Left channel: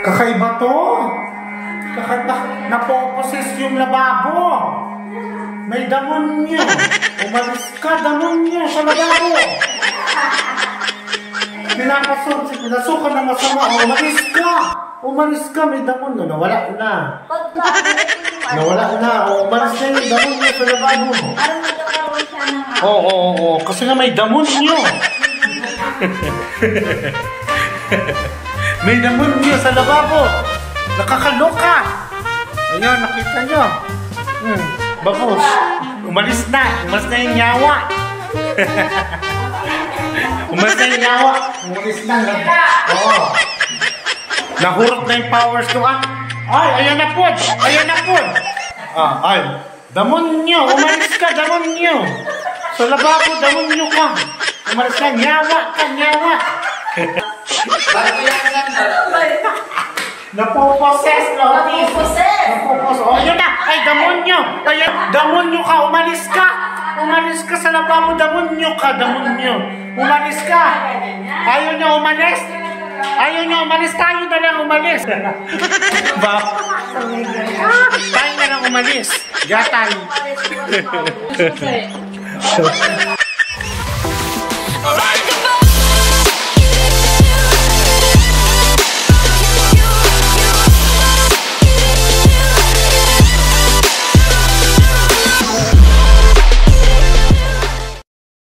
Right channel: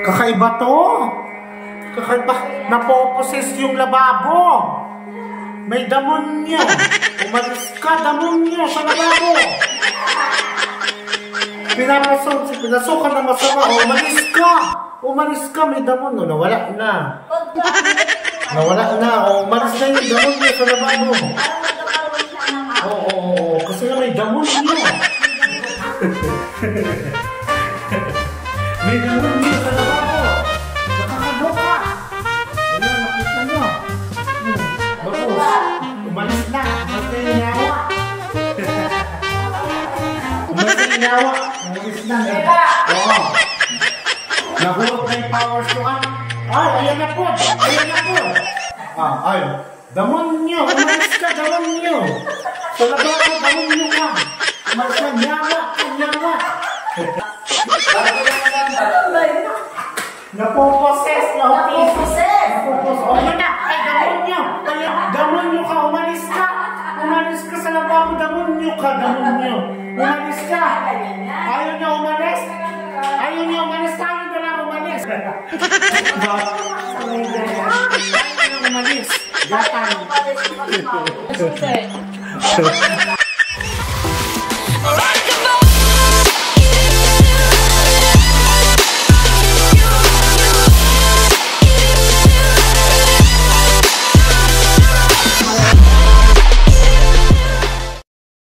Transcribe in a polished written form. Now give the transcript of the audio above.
Kakaiba to. Kakaiba. Napoposes yung lababo. May damonyo. Umalis ka, damonyo sa lababo. Pinasukan na masama. Umalis ka, may damonyo. Nawala na. Umalis na yung damonyo sa lababo. Oo. Kasi nga may damonyo. May damonyo sa lababo. Nakakaloka. Ayun, nakita nyo. Bagus. Umalis na yung nyawa. Umalis na. Oo. Nahulog na yung powers ko. Ay, ayan na po. Ay, damonyo. Umalis ka, damonyo. Sa lababo, damonyo ka. Umalis ka, nyawa. Napoposes. Oh, yun na. Ay, damonyo. Ayan, damonyo ka. Umalis ka sa lababo. Damonyo ka. Umalis ka. Ayaw niya umalis. Tayo na lang umalis. Tayo na lang umalis. Gatan.